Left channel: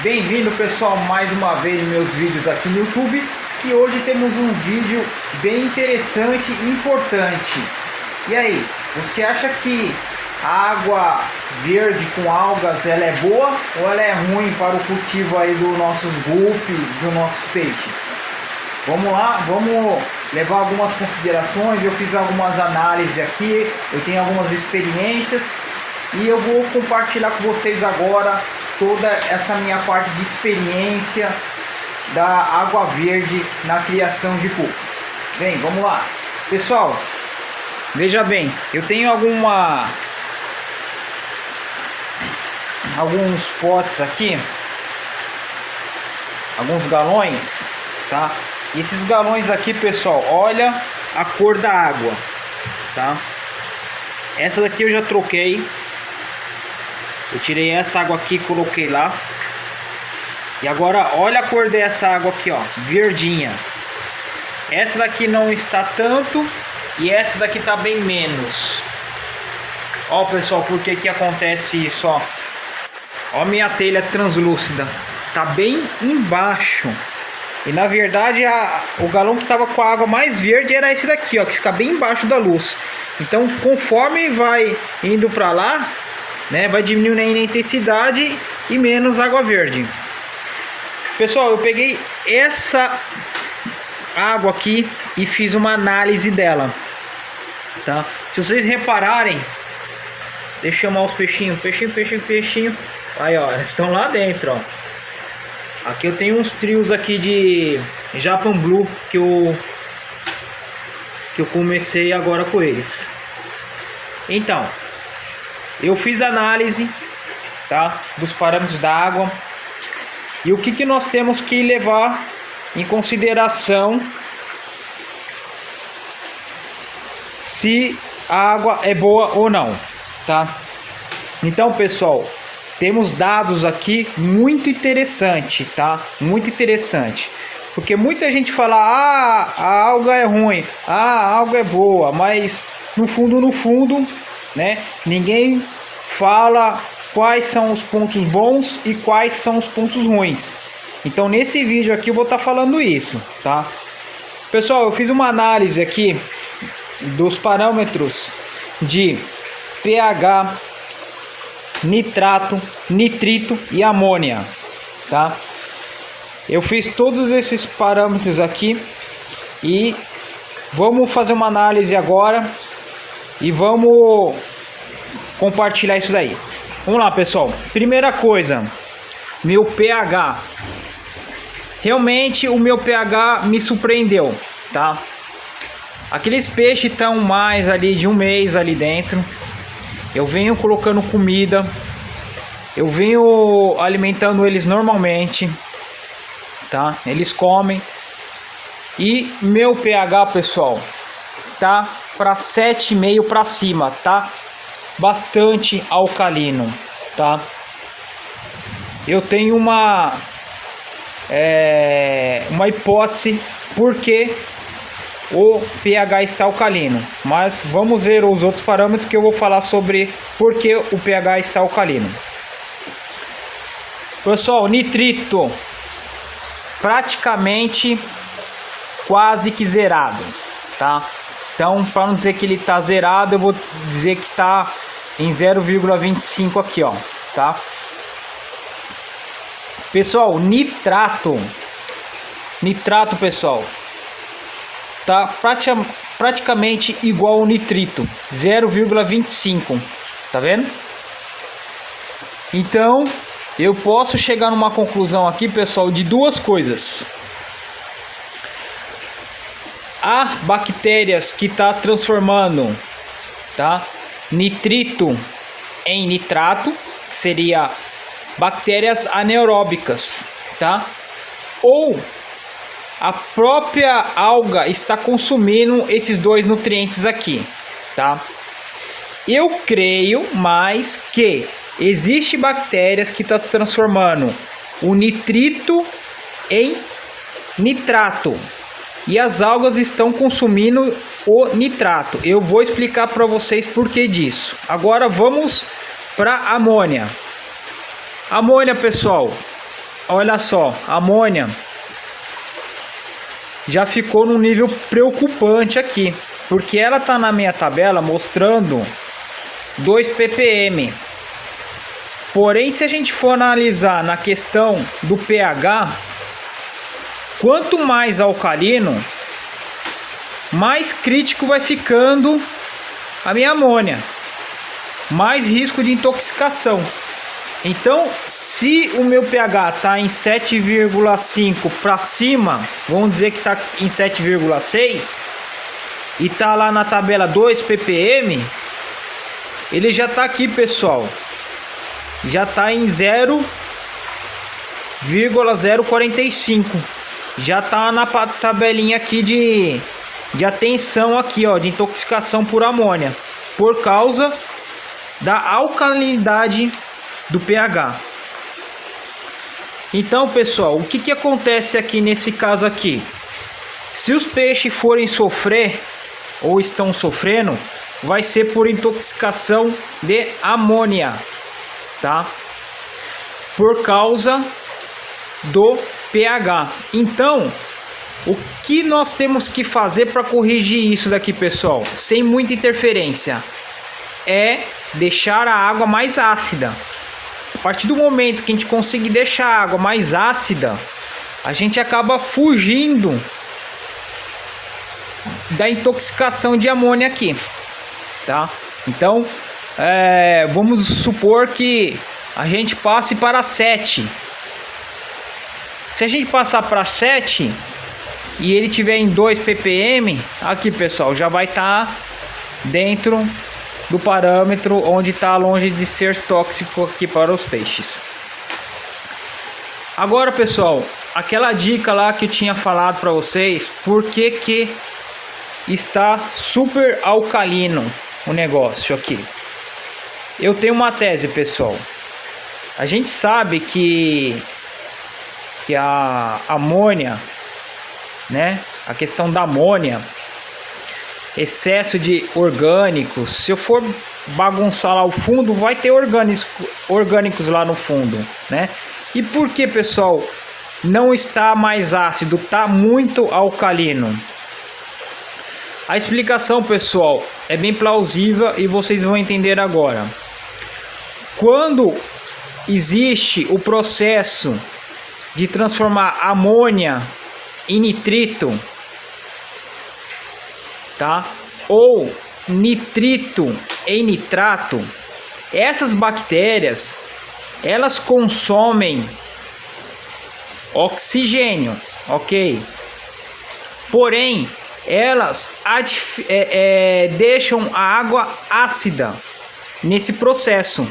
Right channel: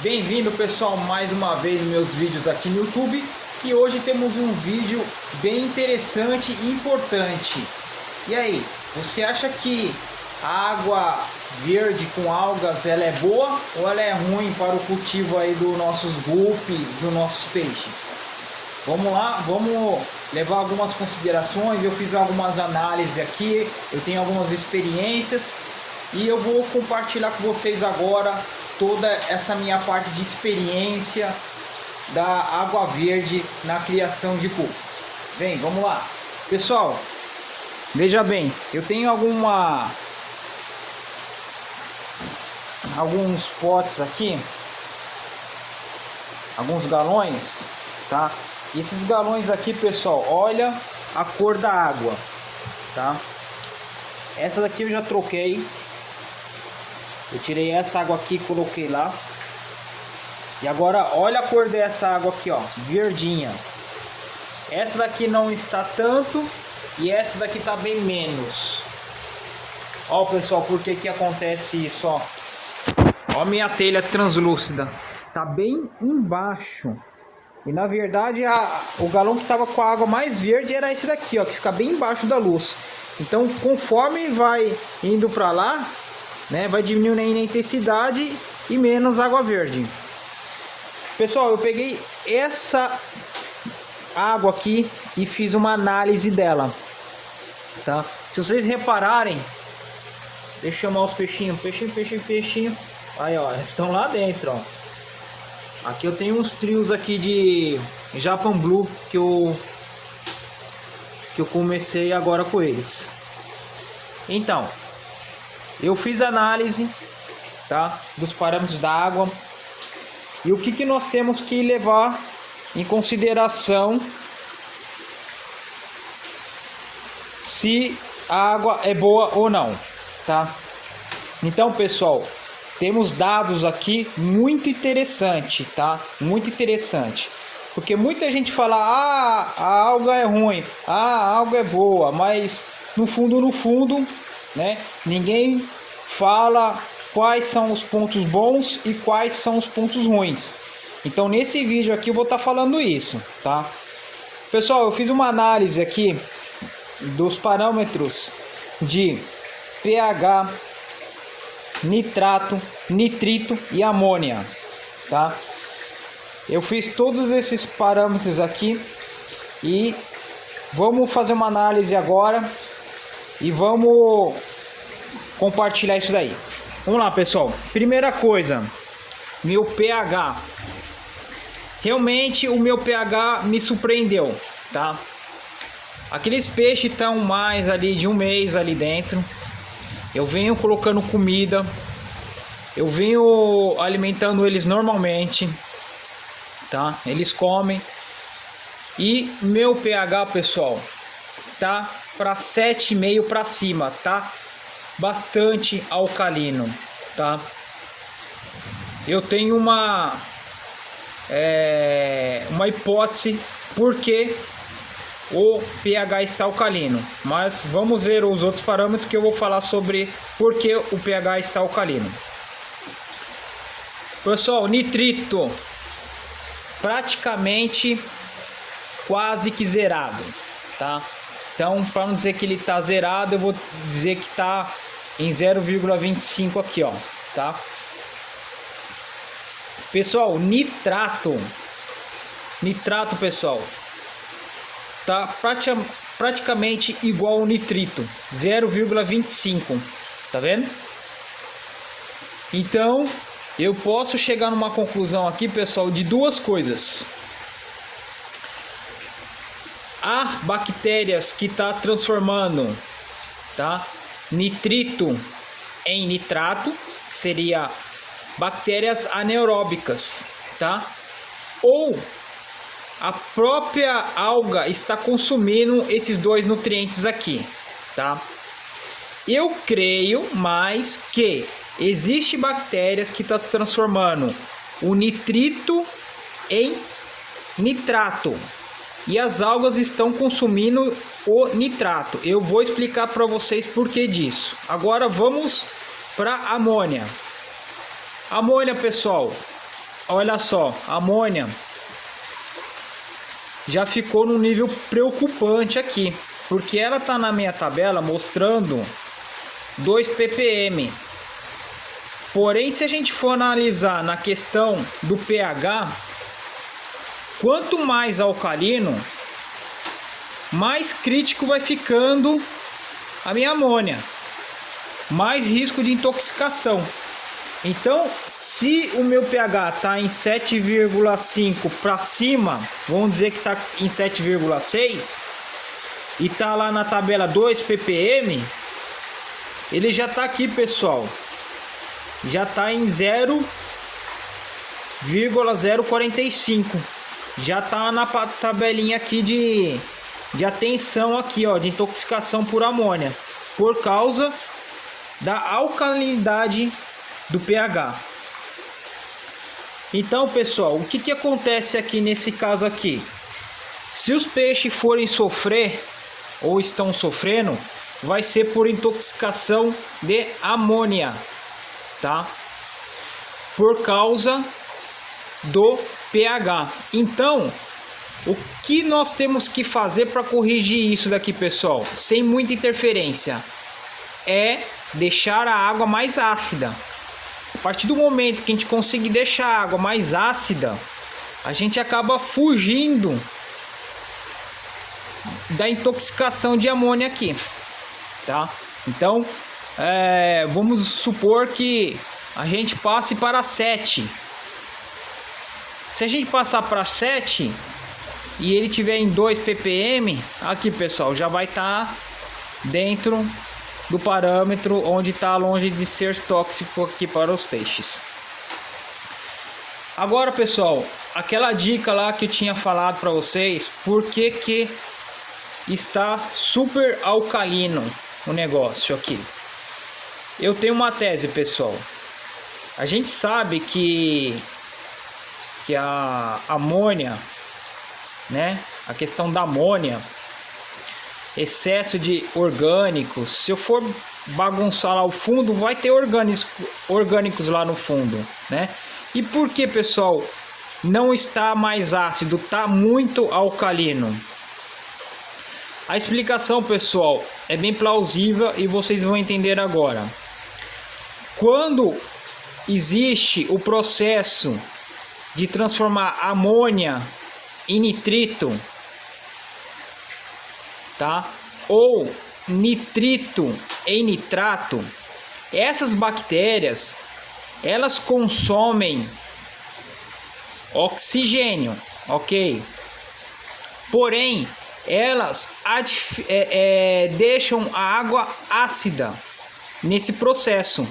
Bem-vindo, pessoal, mais uma vez em meus vídeos aqui no YouTube. E hoje temos um vídeo bem interessante e importante. E aí, você acha que a água verde com algas ela é boa ou ela é ruim para o cultivo aí dos nossos guppies, dos nossos peixes? Vamos lá, vamos levar algumas considerações. Eu fiz algumas análises aqui, eu tenho algumas experiências e eu vou compartilhar com vocês agora toda essa minha parte de experiência da água verde na criação de guppies. Bem, vamos lá. Pessoal, veja bem, eu tenho alguns potes aqui, alguns galões, tá? E esses galões aqui, pessoal, olha a cor da água, tá? Essa daqui eu já troquei. Eu tirei essa água aqui e coloquei lá. E agora olha a cor dessa água aqui, ó, verdinha. Essa daqui não está tanto e essa daqui tá bem menos. Ó, pessoal, por que que acontece isso, ó? Ó, minha telha translúcida tá bem embaixo. E na verdade o galão que tava com a água mais verde era esse daqui, ó, que fica bem embaixo da luz. Então, conforme vai indo para lá, né, vai diminuindo a intensidade e menos água verde. Pessoal, eu peguei essa água aqui e fiz uma análise dela, tá? Se vocês repararem, deixa eu chamar os peixinhos, peixinho. Aí, ó, eles estão lá dentro, ó. Aqui eu tenho uns trios aqui de Japan Blue que eu comecei agora com eles. Então, eu fiz análise, tá, dos parâmetros da água e o que nós temos que levar em consideração se a água é boa ou não, tá? Então, pessoal, temos dados aqui muito interessante, tá? Muito interessante. Porque muita gente fala, a alga é ruim, a alga é boa, mas no fundo, né, ninguém fala quais são os pontos bons e quais são os pontos ruins. Então nesse vídeo aqui eu vou estar falando isso, tá? Pessoal, eu fiz uma análise aqui dos parâmetros de pH, nitrato, nitrito e amônia, tá? Eu fiz todos esses parâmetros aqui e vamos fazer uma análise agora e vamos compartilhar isso daí. Vamos lá, pessoal. Primeira coisa, meu pH. Realmente o meu pH me surpreendeu, tá? Aqueles peixes estão mais ali de um mês ali dentro. Eu venho colocando comida, eu venho alimentando eles normalmente, tá? Eles comem. E meu pH, pessoal, tá para 7,5 para cima, tá? Bastante alcalino, tá? Eu tenho uma hipótese porque o pH está alcalino, mas vamos ver os outros parâmetros que eu vou falar sobre porque o pH está alcalino. Pessoal, nitrito praticamente quase que zerado, tá? Então, para não dizer que ele tá zerado, eu vou dizer que tá em 0,25 aqui, ó, tá? Pessoal, nitrato, pessoal, tá praticamente igual ao nitrito, 0,25, tá vendo? Então, eu posso chegar numa conclusão aqui, pessoal, de duas coisas. Há bactérias que está transformando, tá, nitrito em nitrato, que seria bactérias anaeróbicas, tá? Ou a própria alga está consumindo esses dois nutrientes aqui, tá? Eu creio mais que existe bactérias que está transformando o nitrito em nitrato. E as algas estão consumindo o nitrato. Eu vou explicar para vocês por que disso. Agora vamos para amônia. Amônia, pessoal, olha só, a amônia já ficou num nível preocupante aqui, porque ela tá na minha tabela mostrando 2 ppm. Porém, se a gente for analisar na questão do pH, quanto mais alcalino, mais crítico vai ficando a minha amônia, mais risco de intoxicação. Então, se o meu pH está em 7,5 para cima, vamos dizer que está em 7,6 e está lá na tabela 2 ppm, ele já está aqui, pessoal, já está em 0,045, já está na tabelinha aqui de atenção aqui, ó, de intoxicação por amônia, por causa da alcalinidade do pH. Então, pessoal, o que acontece aqui nesse caso aqui? Se os peixes forem sofrer ou estão sofrendo, vai ser por intoxicação de amônia, tá? Por causa do pH. Então, o que nós temos que fazer para corrigir isso daqui, pessoal, sem muita interferência, é deixar a água mais ácida. A partir do momento que a gente conseguir deixar a água mais ácida, a gente acaba fugindo da intoxicação de amônia aqui, tá? Então, vamos supor que a gente passe para 7. Se a gente passar para 7 e ele tiver em 2 ppm, aqui, pessoal, já vai estar dentro do parâmetro onde está longe de ser tóxico aqui para os peixes. Agora, pessoal, aquela dica lá que eu tinha falado para vocês, por que está super alcalino o negócio aqui? Eu tenho uma tese, pessoal. A gente sabe que a amônia, né? A questão da amônia, excesso de orgânicos, se eu for bagunçar lá o fundo, vai ter orgânicos lá no fundo, né? E por que, pessoal, não está mais ácido, está muito alcalino? A explicação, pessoal, é bem plausível e vocês vão entender agora. Quando existe o processo de transformar amônia em nitrito, tá? Ou nitrito em nitrato, essas bactérias, elas consomem oxigênio, ok? Porém, elas deixam a água ácida nesse processo,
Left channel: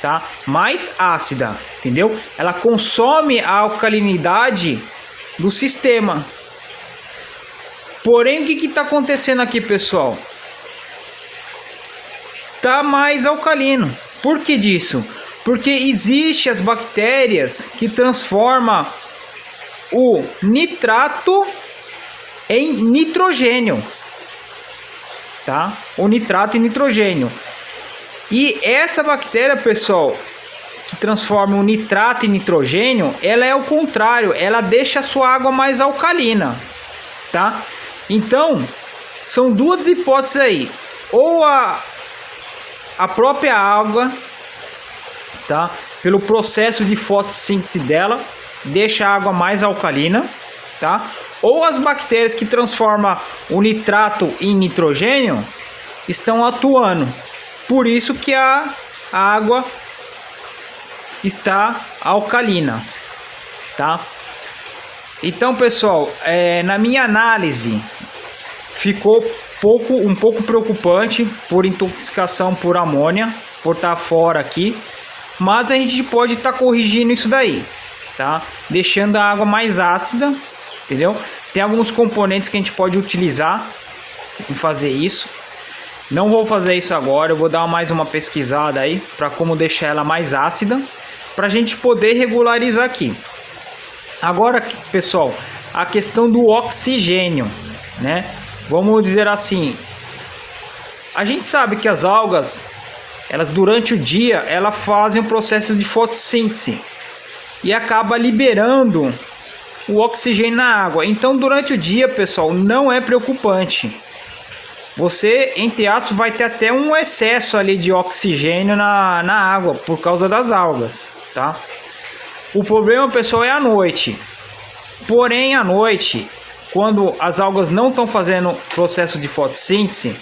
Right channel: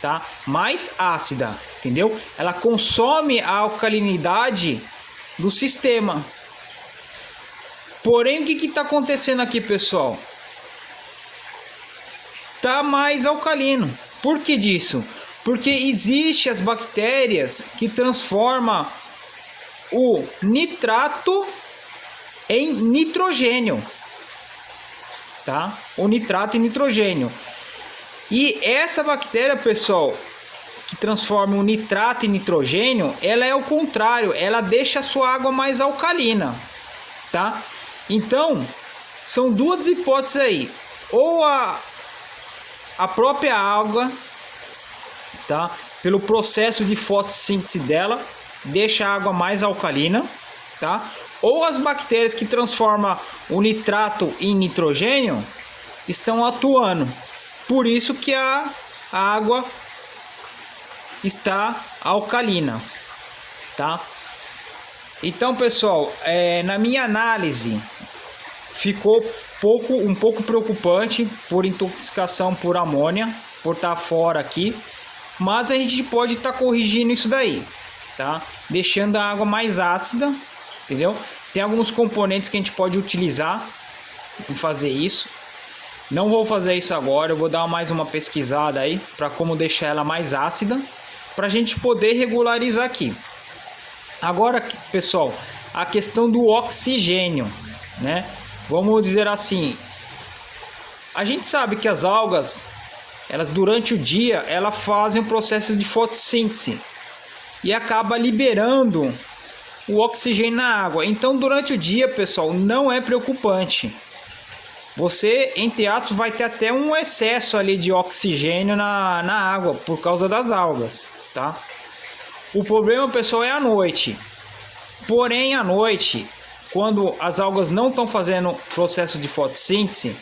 tá? Mais ácida, entendeu? Ela consome a alcalinidade do sistema. Porém, o que está acontecendo aqui, pessoal? Tá mais alcalino. Por que disso? Porque existem as bactérias que transformam o nitrato em nitrogênio, tá? O nitrato em nitrogênio. E essa bactéria, pessoal, que transforma o nitrato em nitrogênio, ela é o contrário, ela deixa a sua água mais alcalina, tá? Então, são duas hipóteses aí. Ou a própria água, tá? Pelo processo de fotossíntese dela, deixa a água mais alcalina, tá? Ou as bactérias que transformam o nitrato em nitrogênio estão atuando. Por isso que a água está alcalina, tá? Então, pessoal, na minha análise, ficou um pouco preocupante por intoxicação por amônia, por estar fora aqui. Mas a gente pode estar corrigindo isso daí, tá? Deixando a água mais ácida, entendeu? Tem alguns componentes que a gente pode utilizar em fazer isso. Não vou fazer isso agora, eu vou dar mais uma pesquisada aí para como deixar ela mais ácida, para a gente poder regularizar aqui. Agora, pessoal, a questão do oxigênio, né? Vamos dizer assim, a gente sabe que as algas, elas durante o dia, elas fazem um processo de fotossíntese. e acaba liberando o oxigênio na água. Então durante o dia, pessoal, não é preocupante. Você, entre aspas, vai ter até um excesso ali de oxigênio na água por causa das algas, tá? O problema, pessoal, é à noite. Porém, à noite, quando as algas não estão fazendo processo de fotossíntese,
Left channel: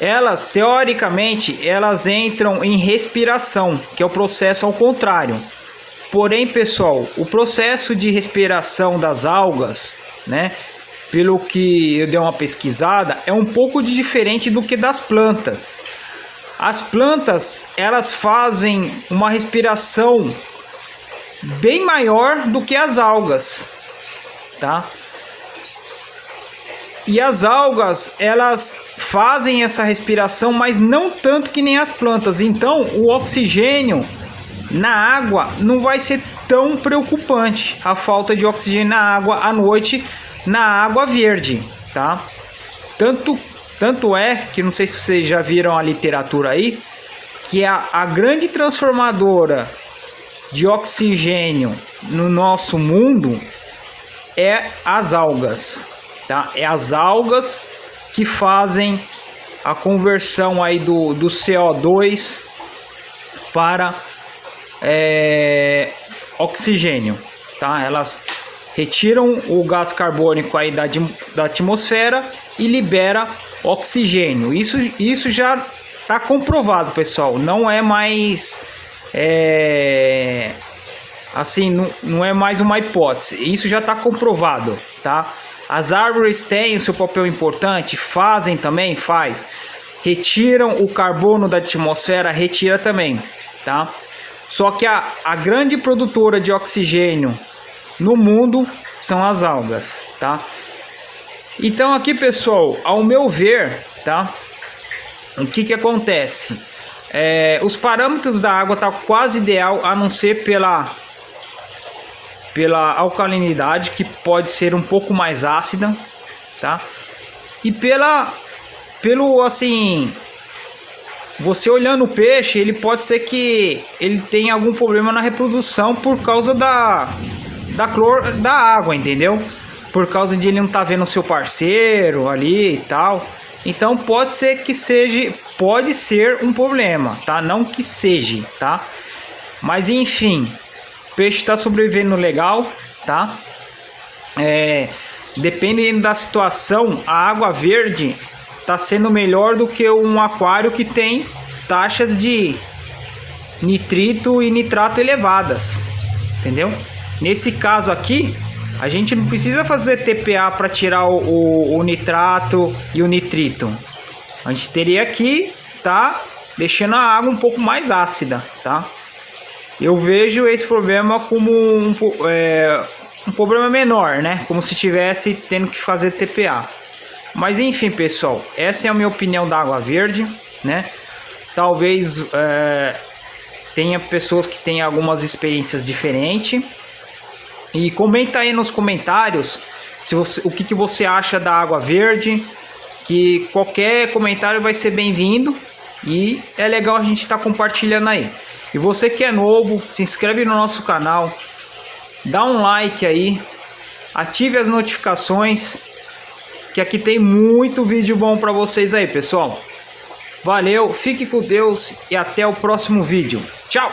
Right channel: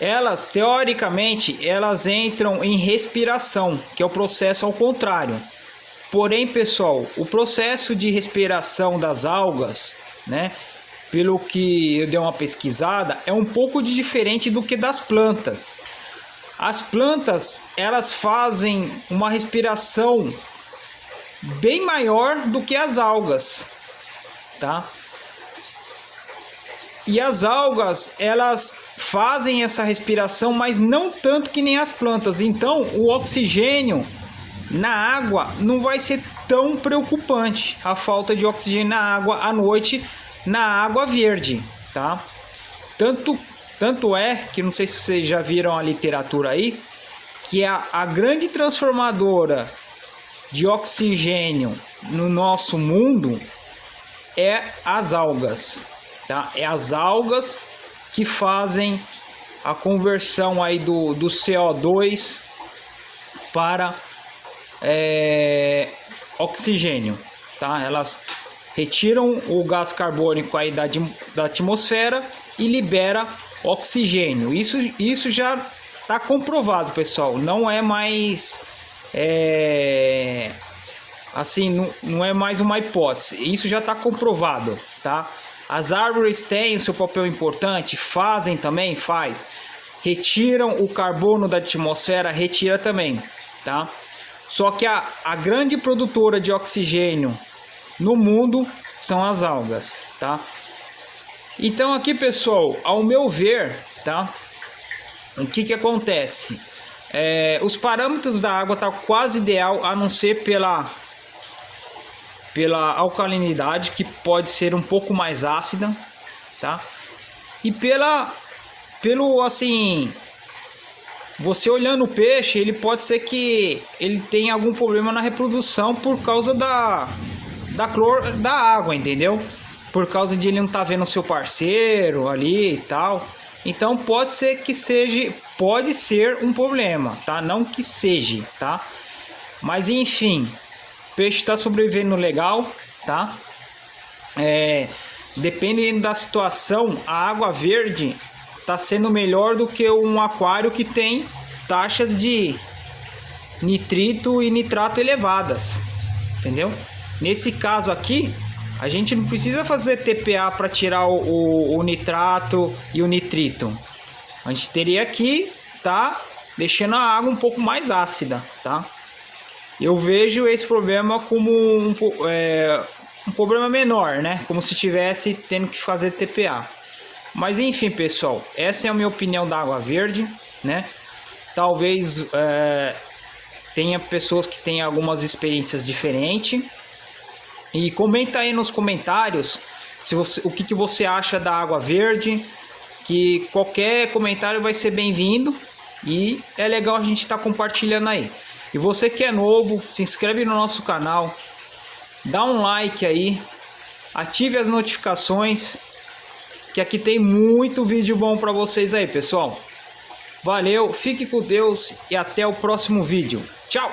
elas, teoricamente, elas entram em respiração, que é o processo ao contrário. Porém, pessoal, o processo de respiração das algas, né, pelo que eu dei uma pesquisada, é um pouco diferente do que das plantas. As plantas, elas fazem uma respiração bem maior do que as algas, tá? E as algas, elas fazem essa respiração, mas não tanto que nem as plantas. Então, o oxigênio na água não vai ser tão preocupante, a falta de oxigênio na água à noite, na água verde, tá? Tanto é que, não sei se vocês já viram a literatura aí, que a grande transformadora de oxigênio no nosso mundo é as algas, tá? É as algas que fazem a conversão aí do CO2 para oxigênio, tá? Elas retiram o gás carbônico aí da atmosfera e libera oxigênio. Isso já está comprovado, pessoal. Não é mais assim, não é mais uma hipótese. Isso já está comprovado, tá? As árvores têm o seu papel importante, fazem também, retiram o carbono da atmosfera, retira também, tá? Só que a grande produtora de oxigênio no mundo são as algas, tá? Então aqui, pessoal, ao meu ver, tá? O que acontece? Os parâmetros da água tá quase ideal, a não ser pela alcalinidade, que pode ser um pouco mais ácida, tá? E pelo assim, você olhando o peixe, ele pode ser que ele tenha algum problema na reprodução por causa da clor da água, entendeu? Por causa de ele não estar vendo o seu parceiro ali e tal. Então pode ser que seja, pode ser um problema, tá? Não que seja, tá? Mas enfim, o peixe está sobrevivendo legal, tá? Dependendo da situação, a água verde está sendo melhor do que um aquário que tem taxas de nitrito e nitrato elevadas, entendeu? Nesse caso aqui, a gente não precisa fazer TPA para tirar o nitrato e o nitrito. A gente teria que tá deixando a água um pouco mais ácida, tá? Eu vejo esse problema como um problema menor, né? Como se tivesse tendo que fazer TPA. Mas enfim, pessoal, essa é a minha opinião da água verde, né? Talvez tenha pessoas que tenham algumas experiências diferentes. E comenta aí nos comentários o que você acha da água verde, que qualquer comentário vai ser bem-vindo e é legal a gente estar compartilhando aí. E você que é novo, se inscreve no nosso canal, dá um like aí, ative as notificações, que aqui tem muito vídeo bom para vocês aí, pessoal. Valeu, fique com Deus e até o próximo vídeo. Tchau!